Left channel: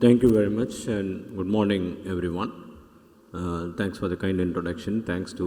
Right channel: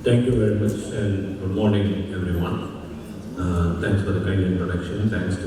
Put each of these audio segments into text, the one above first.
Thank you very much and good morning, everyone. Thanks for the kind introduction. Thanks to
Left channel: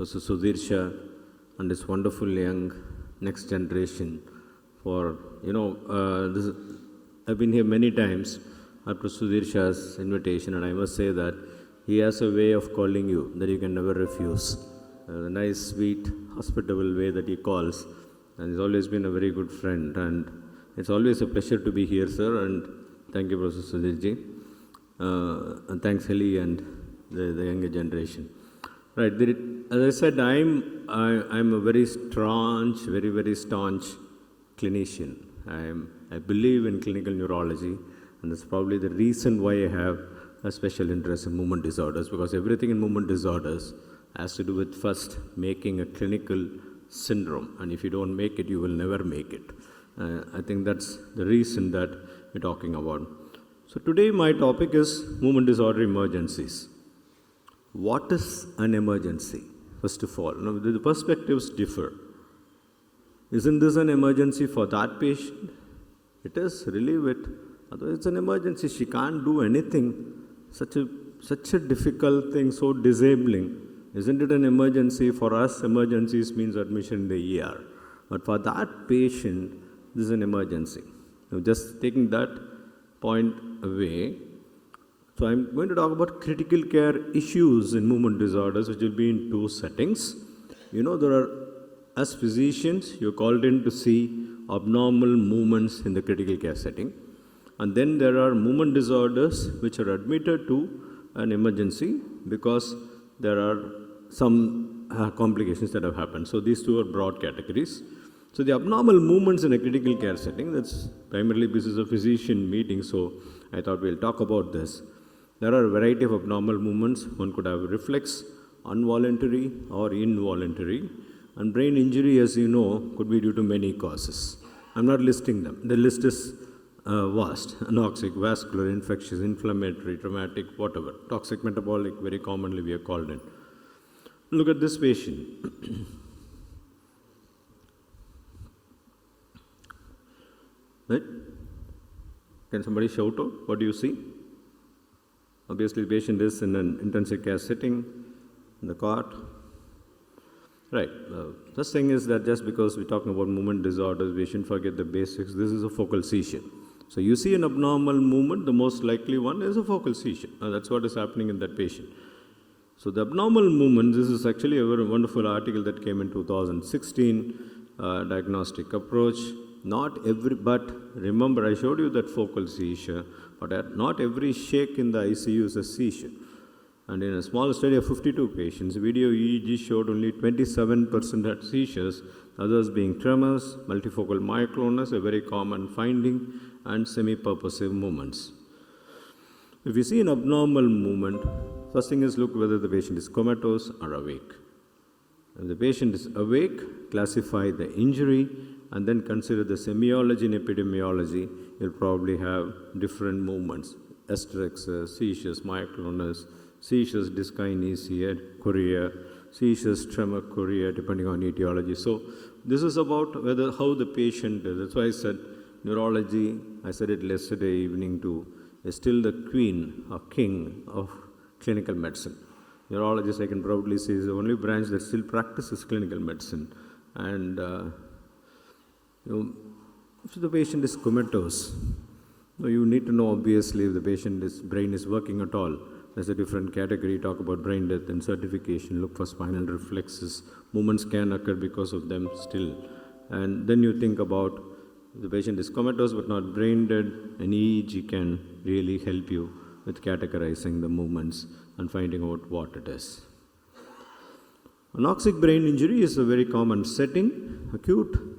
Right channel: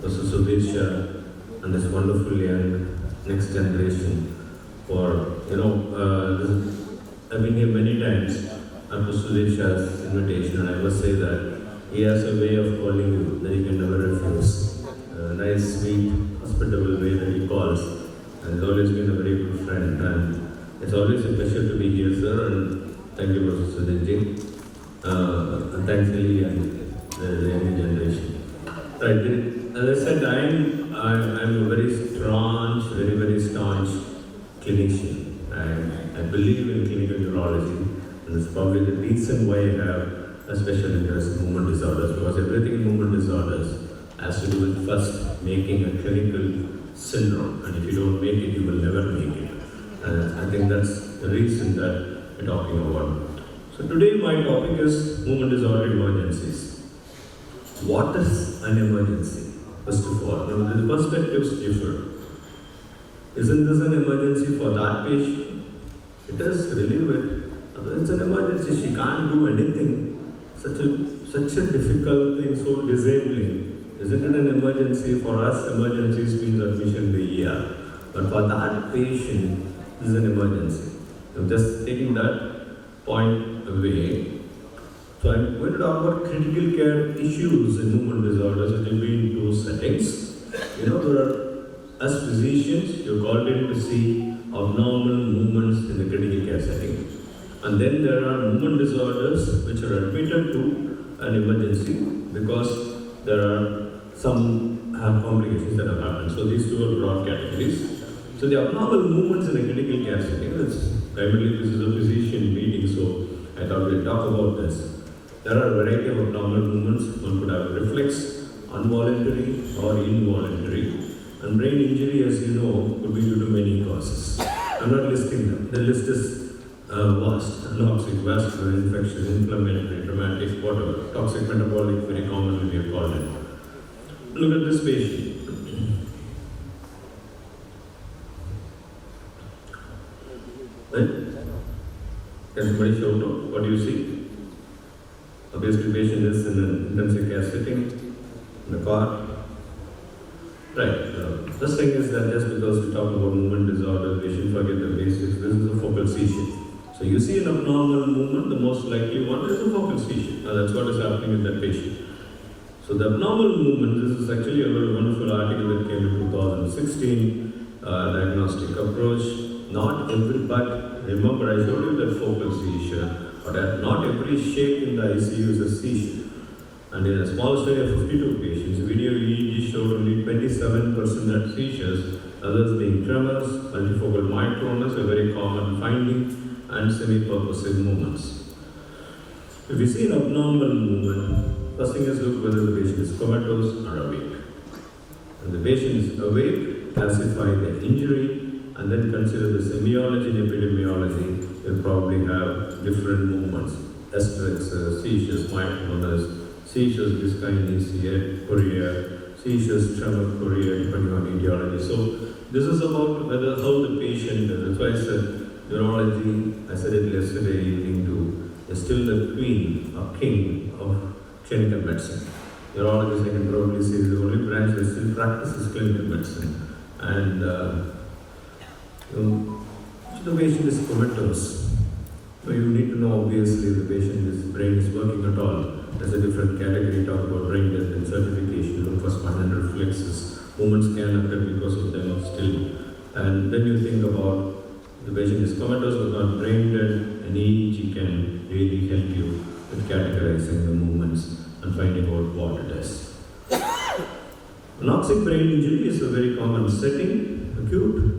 Mr. Sudhir and his wonderful young next generation for, I've been here many times after Sudhir Shah's invitation, and I must say that he has a way of calling you that you can never refuse. A nice, sweet, hospitable way that he calls, and he's always been a very good friend. And it's always a pleasure to be here, sir, and thank you, Professor Sanjay. Thanks, Lily, and the younger generation. Right. As I said, I'm a very staunch, very staunch clinician. I believe in clinical neurology, and that's probably the reason why I have a special interest in movement disorders, because everything in movement disorders has to do with first making a clinical syndrome, and if you don't make it, you will never make it. I think that's the reason that we're talking about. So today my topic is movement disorder emergencies. What is an emergency? First of all, now the perspectives differ. Isn't this an emergency for that patient? It is really it's an emergency. She can't do anything. Such a difficult thing, so disabling. Isn't it an emergency? For us, emergencies means admission in the ER. But for that patient, this is an emergency. So just taking that point away. So I'm going to talk about critical care issues in movement disorders, which will be in two settings. As physicians, you're called in to see abnormal movements in the critical care setting. And then there are movement disorders which are admitted to an emergency because there are some complications that have happened. So these two are broad categories. So the abnormal movements in a critical care setting is primarily this is a physician meeting, so I thought we'll talk about this. There are a variety of abnormal movements. One could have reflex, involuntary or involuntary. And brain injury, as you know, could be due to many causes. I'm not listing them. The list is vast. Anoxic, vascular, infectious, inflammatory, traumatic, whatever. Toxic, metabolic, very commonly we are called it. Look at this patient. Right? Can somebody shout out? What do you see? Obviously, the patient is in an intensive care setting, in the car. Right. The first thing is that just because we talk about movement disorder, we should forget the basics. This is a focal seizure. So you see an abnormal movement, the most likely one is a focal seizure. That's what is happening with that patient. So the abnormal movement, this is actually a very wonderful article that came in 2016, diagnostic approach. But remember I showed you that focal seizure, but not every shake in the ICU is a seizure. And in a small study of 52 patients, video EEG showed only 27% had seizures, others being tremors, multifocal myoclonus, a very common finding, and semi-purposive movements. If you see an abnormal movement, first thing is look whether the patient is comatose or awake. When the patient is awake, classify the injury, and then consider the semiology and epidemiology. You'll probably have different movements. Asterix, seizures, myoclonus, seizures, dyskinesia, chorea, seizures, tremor, chorea, depending on etiology. So this is about how the patient, that's why I said neurology, I said it yesterday evening is still the queen or king of clinical medicine. Neurologists, I can probably say, the only branch that still practices clinical medicine. And so the patient is comatose. You need to know, obviously, the patient's brain is working at all. There's a different category, talk about brain death and certification, postmortem reflexes. Movements can occur because of them still. And then you think about the patient is comatose but not brain dead, and EEG can really help you with categorizing the movements and finding out what it is. Anoxic brain injury is a very common setting, acute.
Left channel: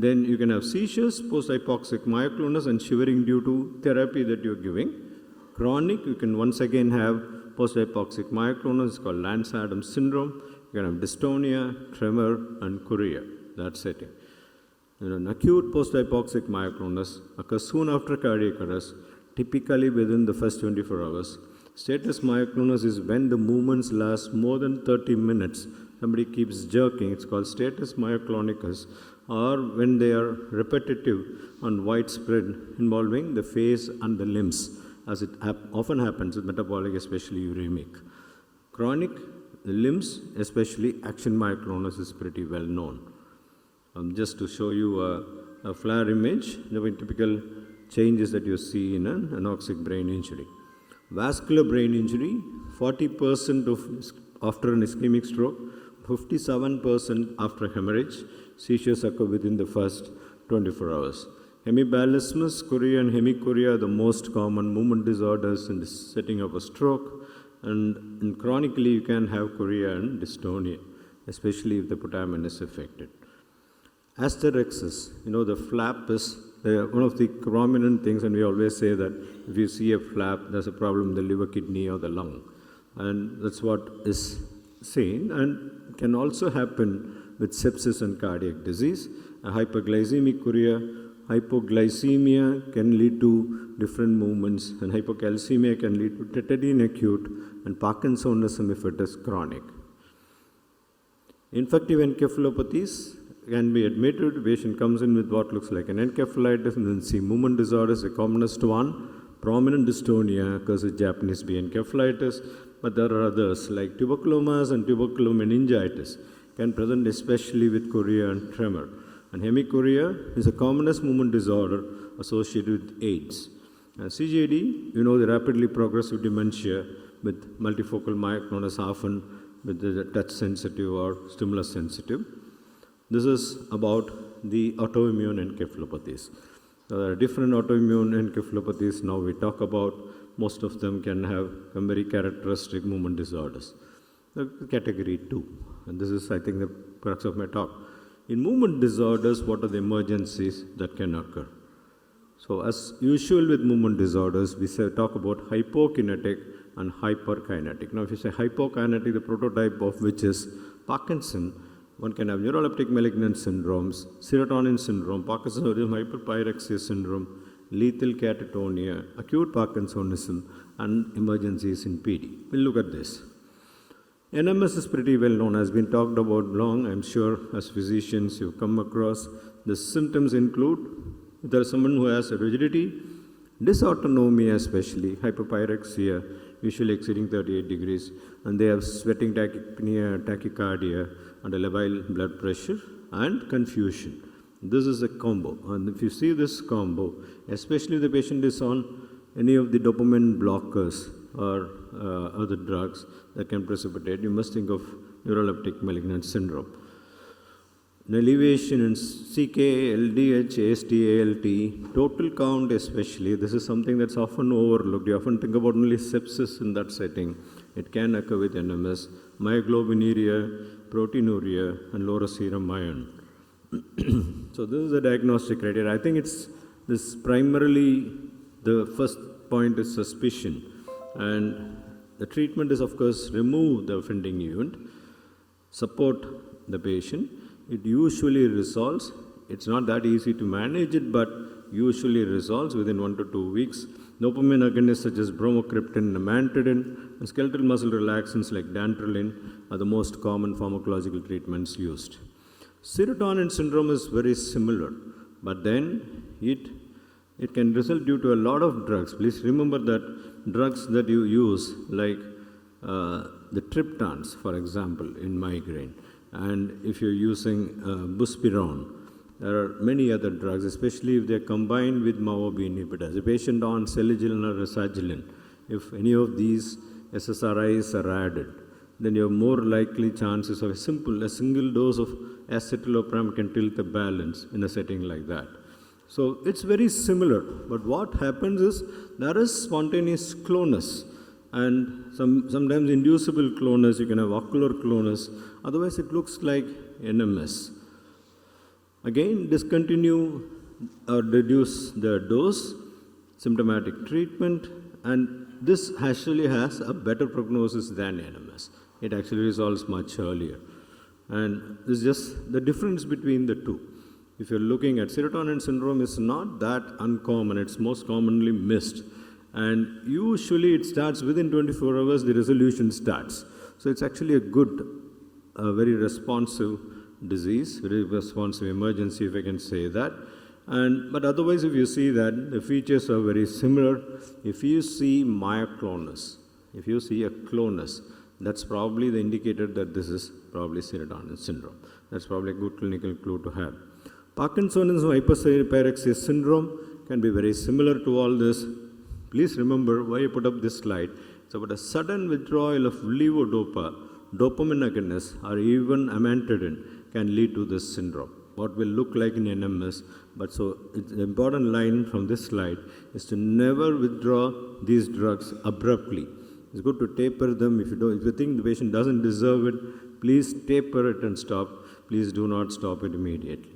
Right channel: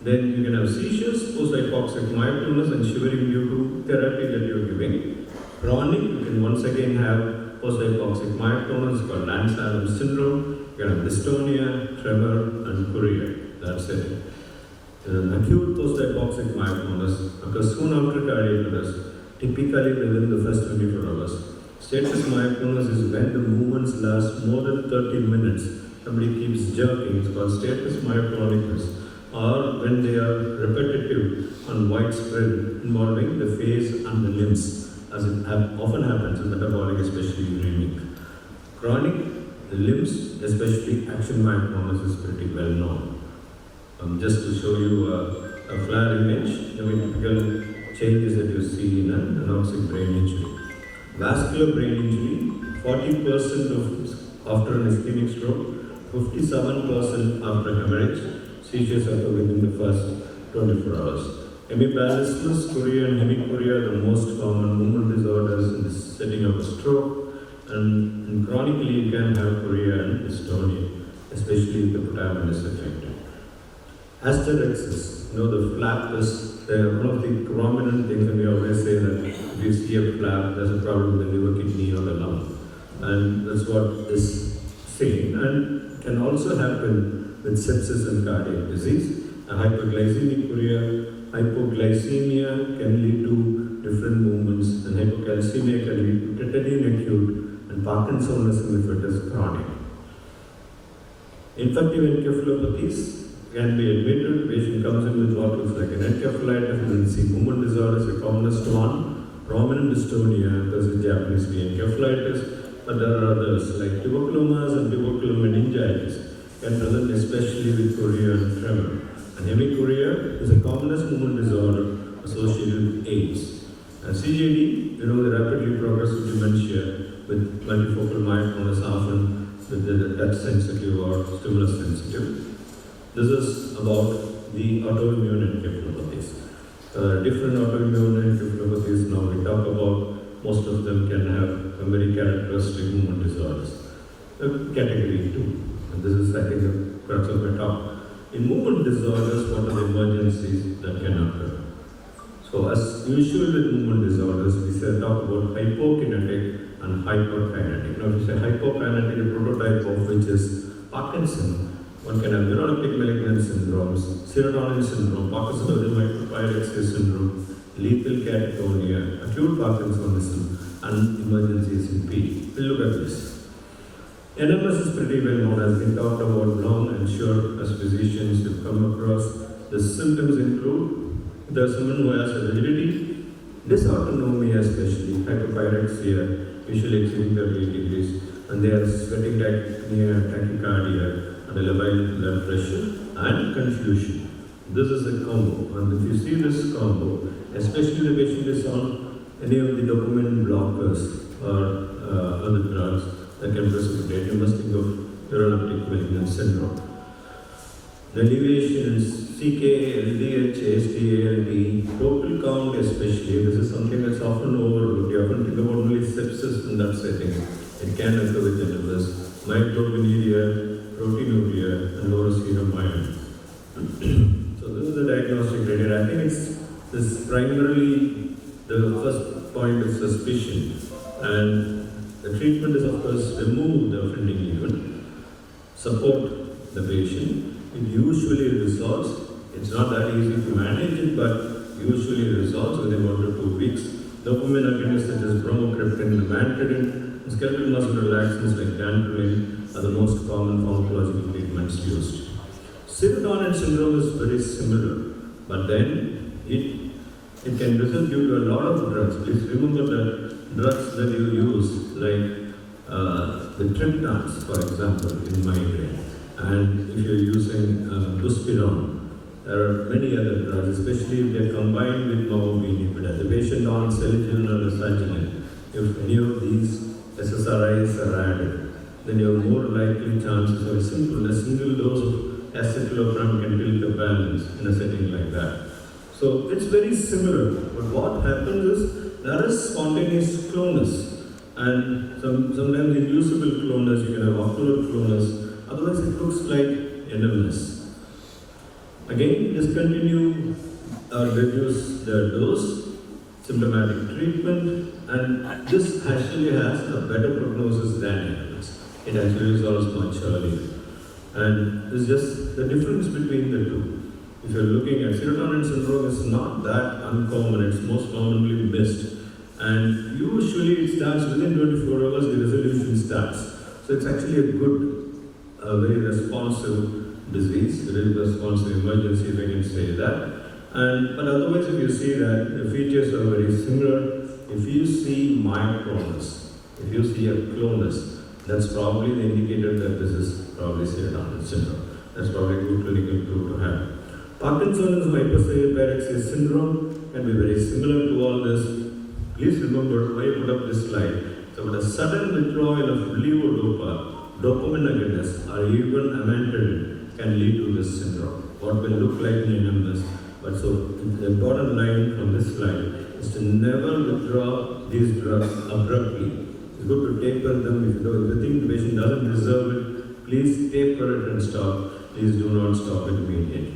Then you can have seizures, post-hypoxic myoclonus, and shivering due to therapy that you're giving. Chronic, you can once again have post-hypoxic myoclonus called Lance-Adams syndrome. You have dystonia, tremor, and chorea. That's it. An acute post-hypoxic myoclonus occurs soon after cardiac arrest, typically within the first 24 hours. Status myoclonus is when the movements last more than 30 minutes. Somebody keeps jerking, it's called status myoclonicus. or when they are repetitive and widespread, involving the face and the limbs, as it often happens in metabolic, especially uremic. Chronic limbs, especially action myoclonus, is pretty well known. Just to show you a flare image, the typical changes that you see in an anoxic brain injury. Vascular brain injury, 40% after an ischemic stroke, 57% after hemorrhage. Seizures occur within the first 24 hours. Hemipallismus, chorea and hemichorea are the most common movement disorders in the setting of a stroke. And chronically, you can have chorea and dystonia, especially if the putamen is affected. Asterexis, the flap is one of the prominent things, and we always say that if you see a flap, there's a problem with the liver, kidney, or the lung. And that's what is saying. And can also happen with sepsis and cardiac disease. Hyperglycemic chorea, hypoglycemia can lead to different movements, and hypocalcemia can lead to tetany acute, and Parkinsonism if it is chronic. Infective encephalopathies can be admitted. The patient comes in with what looks like an encephalitis, and then see movement disorders, the commonest one, prominent dystonia, because in Japanese we encephalitis, but there are others like tuberculosis and tuberculomeningitis can present especially with chorea and tremor. And hemichorea is the commonest movement disorder associated with AIDS. CJD, the rapidly progressive dementia with multifocal myoclonus, often with the touch sensitive or stimulus sensitive. This is about the autoimmune encephalopathies. There are different autoimmune encephalopathies now we talk about. Most of them can have a very characteristic movement disorders. Category 2. And this is, I think, the crux of my talk. In movement disorders, what are the emergencies that can occur? So, as usual with movement disorders, we talk about hypokinetic and hyperkinetic. Now, we say hypokinetic, the prototype of which is Parkinson. One can have neuroleptic malignant syndromes, serotonin syndrome, Parkinson's micropyrexia syndrome, lethal catatonia, acute Parkinsonism, and emergencies in PD. We'll look at this. NMS is pretty well known, has been talked about long. I'm sure as physicians you've come across. The symptoms include there's someone who has a rigidity, dysautonomia, especially hypopyrexia, usually exceeding 38 degrees, and they have sweating tachycardia, and elevated blood pressure, and confusion. This is a combo, and if you see this combo, especially the patient is on any of the dopamine blockers or other drugs that can precipitate, you must think of neuroleptic malignant syndrome. The elevation in CK, LDH, AST, total count especially, this is something that's often overlooked. You often think about only sepsis in that setting. It can occur with NMS, myoglobinuria, proteinuria, and lower serum iron. So this is the diagnostic criteria. I think this primarily, the first point is suspicion, and the treatment is, of course, remove the offending event, support the patient. It usually resolves. It's not that easy to manage it, but usually it resolves within 1 to 2 weeks. Dopamine agonists such as bromocriptine, nimantadine, and skeletal muscle relaxants like dantrolene are the most common pharmacological treatments used. Serotonin syndrome is very similar, but then it can result due to a lot of drugs. Please remember that drugs that you use, like the triptans, for example, in migraine, and if you're using buspirone, there are many other drugs, especially if they're combined with MAO-B inhibitor. The patient on seligilin or lesagilin, if any of these SSRIs are added, then you have more likely chances of a single dose of escitalopram can tilt the balance in a setting like that. So it's very similar, but what happens is there is spontaneous clonus, and sometimes inducible clonus, you can have ocular clonus, otherwise it looks like NMS. Again, discontinue or reduce the dose, symptomatic treatment, and this actually has a better prognosis than NMS. It actually resolves much earlier. And this is just the difference between the two. If you're looking at serotonin syndrome, it's not that uncommon, it's most commonly missed. And usually it starts within 24 hours, the resolution starts. So it's actually a good, very responsive disease, responsive emergency, if I can say that. But otherwise, if you see that the features are very similar, if you see mild clonus, if you see a clonus, that's probably the indicator that this is probably syndrome. That's probably a good clinical clue to have. Parkinsonism hyperpyrexia syndrome can be very similar to all this. Please remember why I put up this slide. So, a sudden withdrawal of levodopa, dopamine agonists, or even amantadine can lead to this syndrome. What will look like an numbness. But so, the important line from this slide is to never withdraw these drugs abruptly. It's good to taper them. If you think the patient doesn't deserve it, please taper it and stop. Please do not stop it immediately.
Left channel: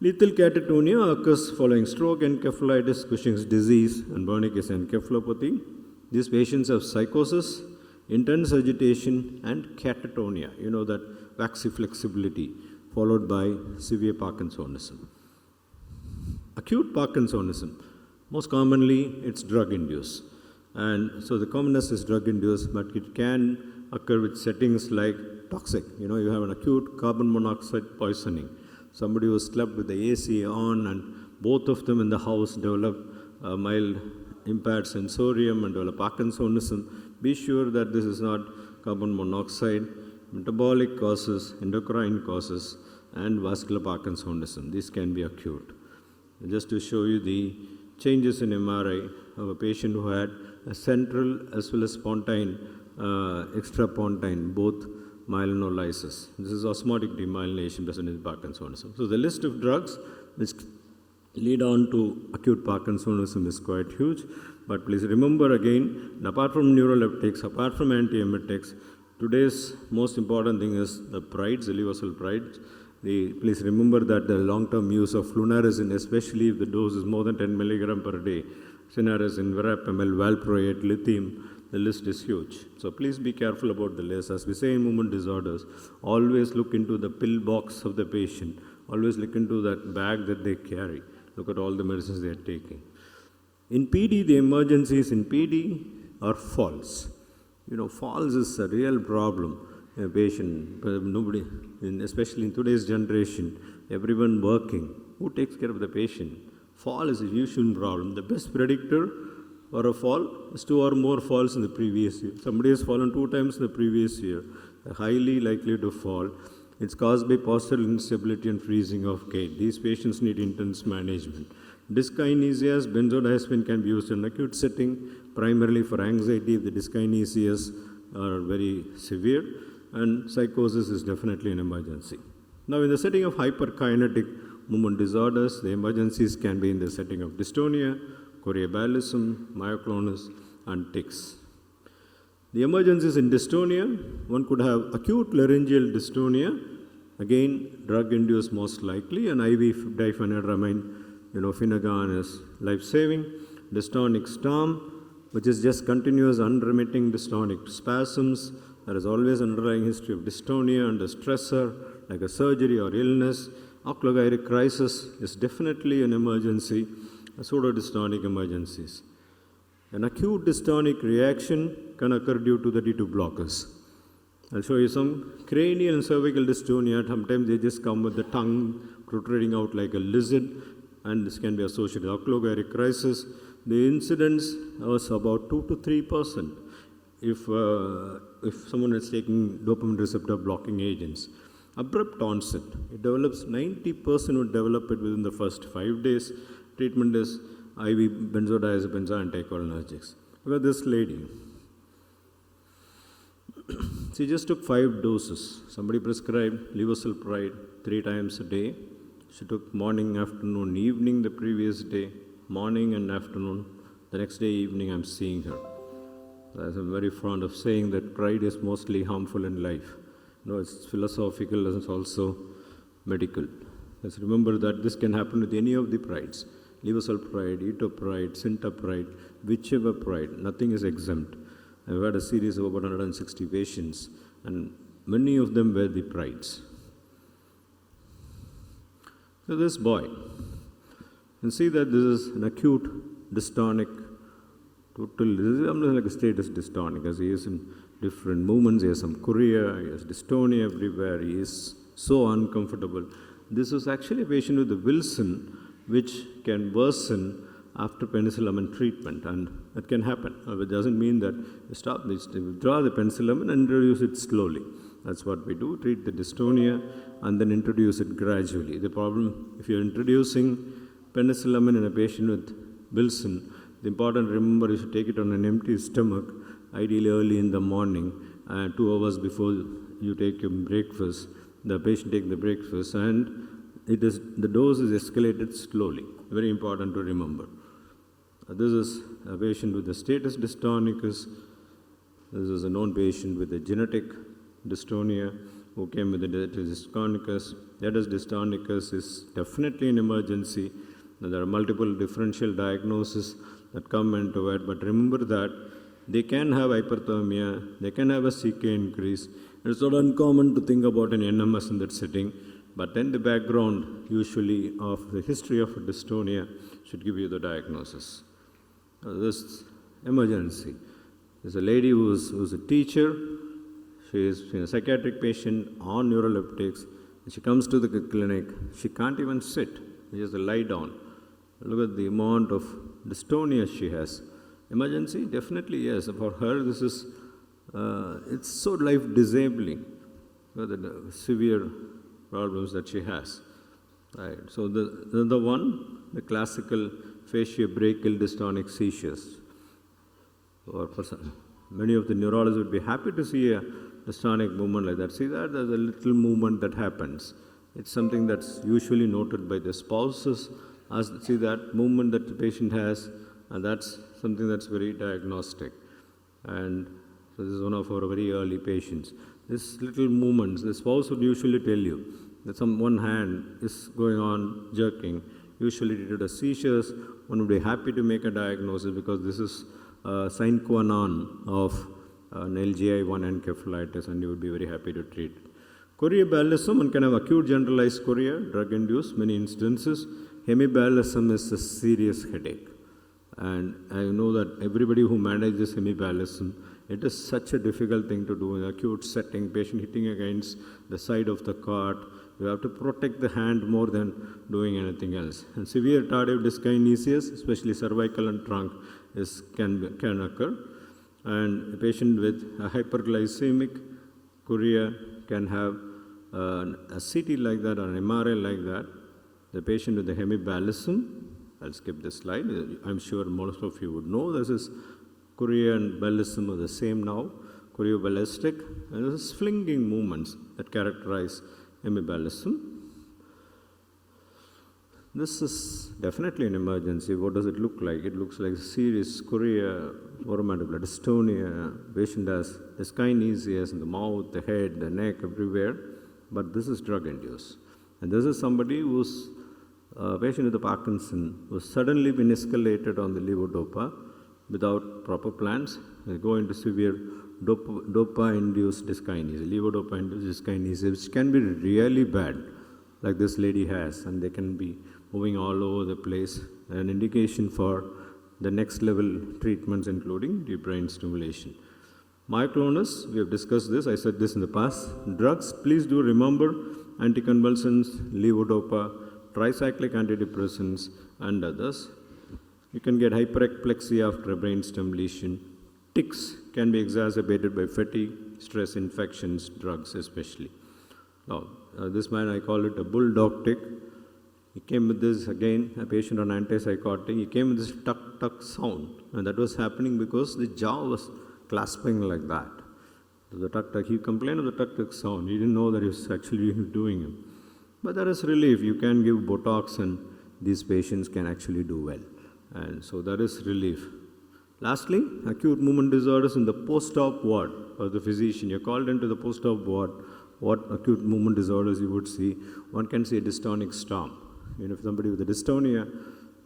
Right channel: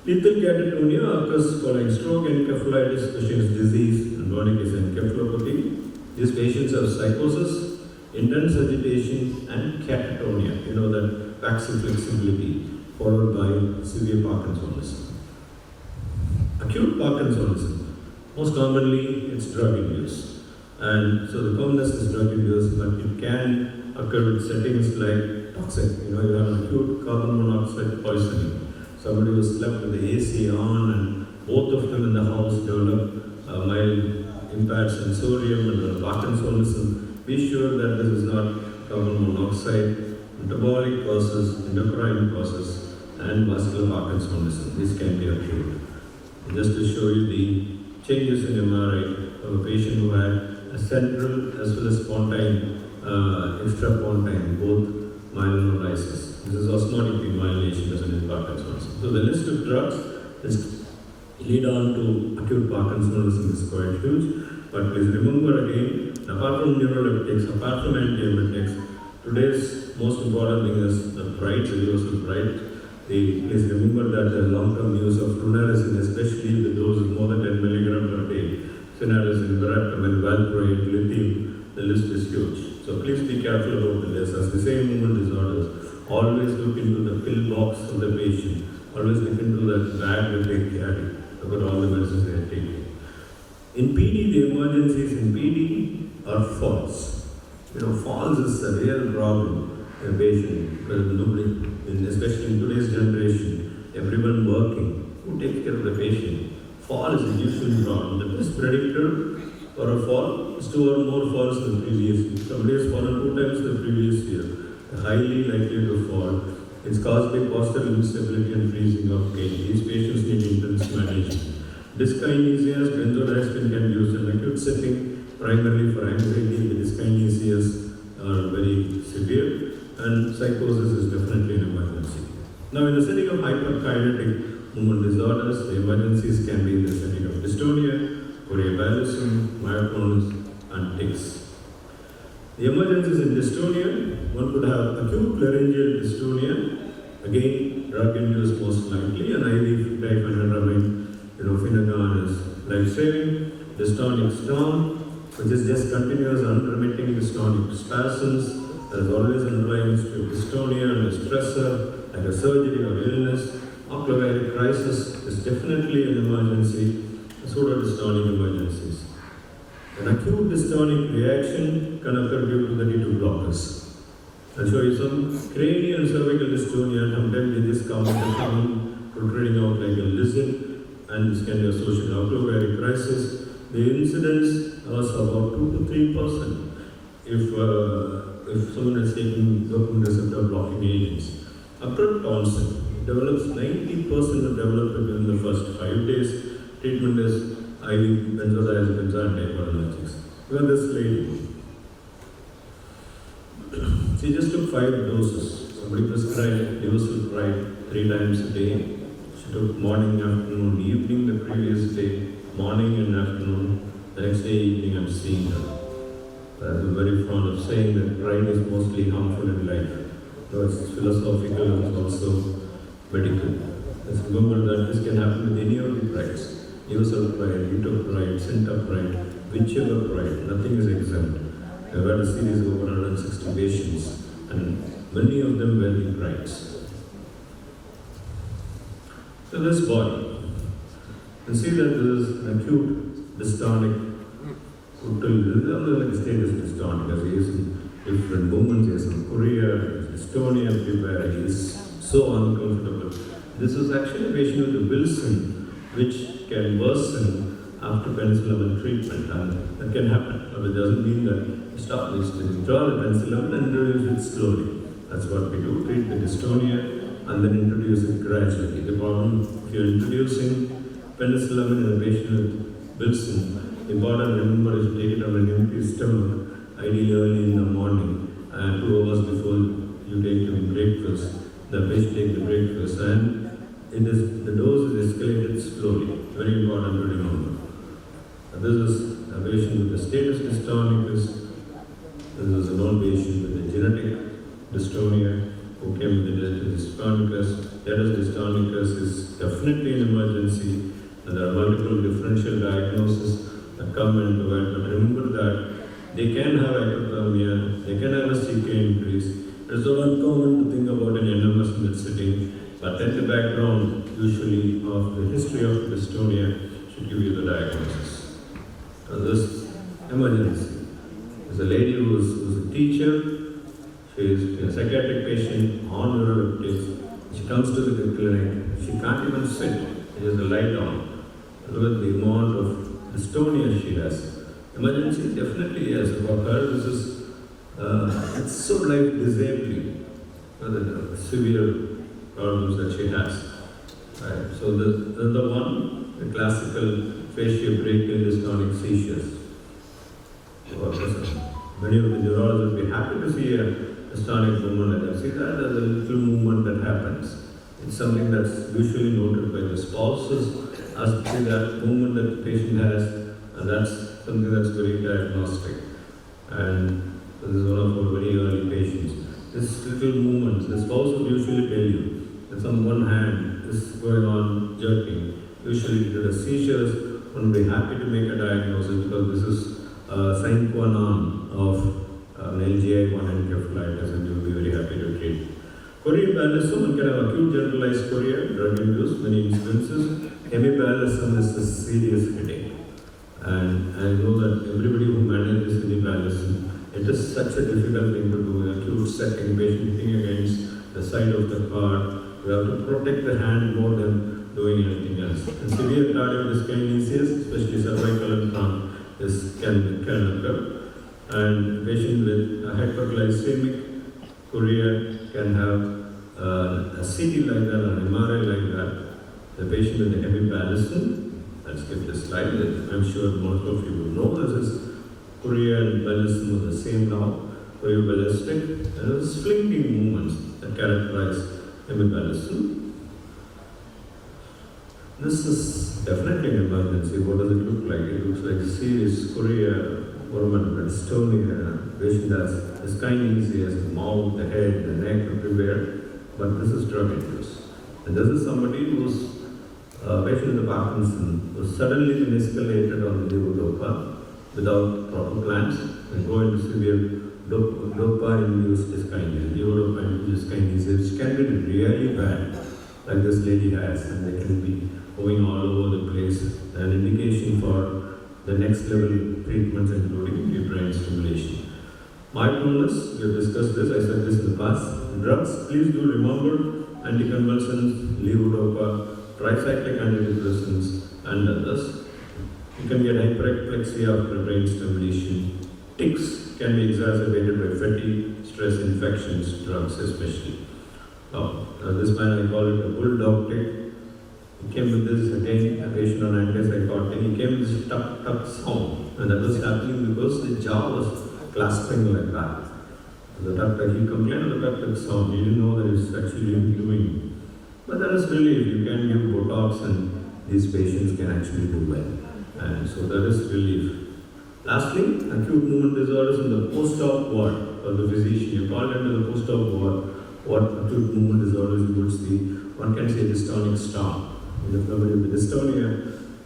Lethal catatonia occurs following stroke, encephalitis, Cushing's disease, and Wernicke's encephalopathy. These patients have psychosis, intense agitation, and catatonia. You know that waxy flexibility, followed by severe Parkinsonism. Acute Parkinsonism, most commonly it's drug induced. And so the commonest is drug induced, but it can occur with settings like toxic. You have acute carbon monoxide poisoning. Somebody who slept with the AC on, and both of them in the house develop mild impaired sensorium and Parkinsonism. Be sure that this is not carbon monoxide, metabolic causes, endocrine causes, and vascular Parkinsonism. These can be acute. Just to show you the changes in MRI of a patient who had a central as well as pontine, extrapontine, both myelinolysis. This is osmotic demyelination as well as Parkinsonism. So the list of drugs is lead on to acute Parkinsonism is quite huge. But please remember again, apart from neuroleptics, apart from antiemetics, today's most important thing is the pride, universal pride. Please remember that the long-term use of flunarizine, especially if the dose is more than 10 mg per day, flunarizine, verapamil, valproate, lithium, the list is huge. So please be careful about the list. As we say in movement disorders, always look into the pill box of the patient. Always look into the bag that they carry. Look at all the medicines they are taking. In PD, the emergencies in PD are falls. Falls is a real problem in a patient. Because nobody, especially in today's generation, everyone working, who takes care of the patient? Fall is a usual problem. The best predictor for a fall is 2 or more falls in the previous year. Somebody has fallen 2 times in the previous year. Highly likely to fall. It's caused by postural instability and freezing of gait. These patients need intense management. Dyskinesias, benzodiazepine can be used in acute setting, primarily for anxiety. The dyskinesias are very severe, and psychosis is definitely an emergency. Now, in the setting of hyperkinetic movement disorders, the emergencies can be in the setting of dystonia, choreoathletism, myoclonus, and tics. The emergencies in dystonia, one could have acute laryngeal dystonia, again drug-induced most likely, and IV diphenhydramine, Finnegan is life-saving. Dystonic storm, which is just continuous unremitting dystonic spasms. There is always underlying history of dystonia and a stressor, like a surgery or illness. Ocular crisis is definitely an emergency, pseudodystonic emergencies. An acute dystonic reaction can occur due to the D2 blockers. I'll show you some cranial and cervical dystonia. Sometimes they just come with a tongue protruding out like a lizard, and this can be associated with ocular crisis. The incidence was about 2 to 3% if someone is taking dopamine receptor blocking agents. Abrupt onset, it develops 90% will develop it within the first 5 days. Treatment is IV benzodiazepines and anticholinergics. Well, this lady, she just took 5 doses. Somebody prescribed Levosulfide 3 times a day. She took morning, afternoon, evening the previous day, morning and afternoon. The next day, evening, I'm seeing her. I'm very fond of saying that pride is mostly harmful in life. It's philosophical and also medical. Just remember that this can happen with any of the prides. Universal pride, Ito pride, Center pride, whichever pride, nothing is exempt. I've had a series of over 160 patients, and many of them were the prides. So this boy, you see that this is an acute dystonic. This is like a status dystonic. He is in different movements. He has some chorea, dystonia everywhere. He is so uncomfortable. This is actually a patient with Wilson, which can worsen after penicillin treatment, and that can happen. It doesn't mean that stop this, withdraw the penicillin and introduce it slowly. That's what we do, treat the dystonia and then introduce it gradually. The problem, if you're introducing penicillin in a patient with Wilson, the important to remember is to take it on an empty stomach, ideally early in the morning, and 2 hours before you take your breakfast. The patient takes the breakfast, and the dose is escalated slowly. Very important to remember. This is a patient with a status dystonicus. This is an old patient with a genetic dystonia who came with a dystonicus. Status dystonicus is definitely an emergency. There are multiple differential diagnoses that come into it, but remember that they can have hyperthermia, they can have a CK increase. It is not uncommon to think about an NMS in that setting, but then the background usually of the history of dystonia should give you the diagnosis. This emergency is a lady who is a teacher. She is a psychiatric patient on neuroleptics. She comes to the clinic. She can't even sit. She has a light on. Look at the amount of dystonia she has. Emergency definitely yes. For her, this is it's so like disabling. The severe problems that she has. Right? So the one, the classical facial-brachial dystonic seizures. Many of the neurologists will be happy to see a dystonic movement like that. See that as a little movement that happens. It's something that's usually noted by the spouses. As to see that movement that the patient has, that's something that's very diagnostic. And this is one of our very early patients. This little movement, the spouse would usually tell you that some one hand is going on jerking. Usually due to seizures, one would be happy to make a diagnosis because this is sine qua non of an LGI1 encephalitis, and we will be very happy to treat. Chorea one can have acute generalized chorea, drug-induced, many incidences. Hemipallism is a serious headache. And I know that everybody who manages hemipallism, it is such a difficult thing to do in an acute setting, patient hitting against the side of the car. We have to protect the hand more than doing anything else. And severe cardiac dyskinesias, especially cervical and trunk, can occur. And patient with a hyperglycemic chorea can have a CD like that, an MRI like that. The patient with a hemipallism, let's get this slide. I'm sure most of you would know this is chorea and pallism are the same now. Choreoballistic, there are slinking movements that characterize hemipallism. This is definitely an emergency. What does it look like? It looks like serious chorea, format dystonia. Patient has dyskinesia, has the mouth, the head, the neck everywhere. But this is drug-induced. And this is somebody who's patient with Parkinson was suddenly been escalated on the levodopa without proper plans and go into severe dopa-induced dyskinesia, levodopa-induced dyskinesia, which can be really bad, like this lady has, and they can be going all over the place. An indication for the next level treatments, including brain stimulation. Mindfulness, we have discussed this, I said this in the past. Drugs, please do remember anticonvulsants, levodopa, tricyclic antidepressants, and others. You can get hyperexplexia after brain stimulation. Tics can be exacerbated by fatigue, stress, infections, drugs especially. This man, I call it a bulldog tic. He came with this, again, a patient on antipsychotic. He came with this tuck sound, and that was happening because the jaw was clasping like that. He complained of the sound. He didn't know that he was actually doing. But there is relief. You can give Botox and these patients can actually do well. And so there is relief. Lastly, acute movement disorders in the post-op ward for the physician. You're called into the post-op ward. What acute movement disorders you would see? One can say dystonic storm. In the dystonia,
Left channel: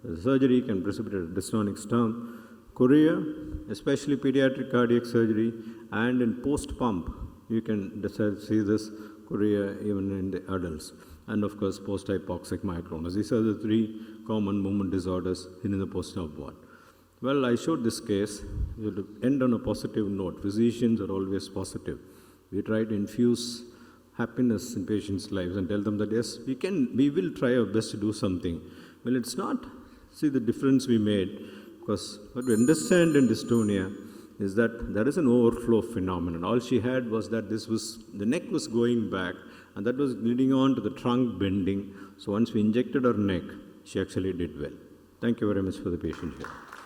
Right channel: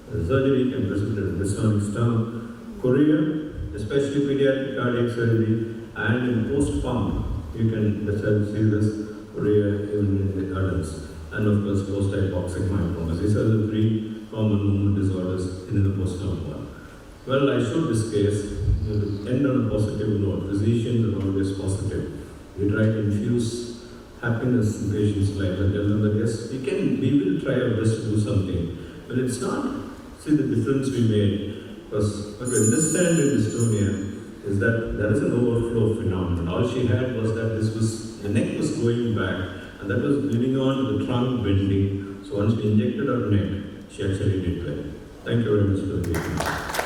the surgery can precipitate dystonic storm. Chorea, especially pediatric cardiac surgery, and in post-pump, you can see this chorea even in the adults. And of course, post-hypoxic myoclonus. These are the three common movement disorders in the post-op ward. Well, I showed this case to end on a positive note. Physicians are always positive. We try to infuse happiness in patients' life. I tell them that yes, we will try our best to do something. Well, it's not. See the difference we made. Because what we understand in dystonia is that there is an overflow phenomenon. All she had was that the neck was going back, and that was bleeding on to the trunk bending. So once we injected her neck, she actually did well. Thank you very much for the patience.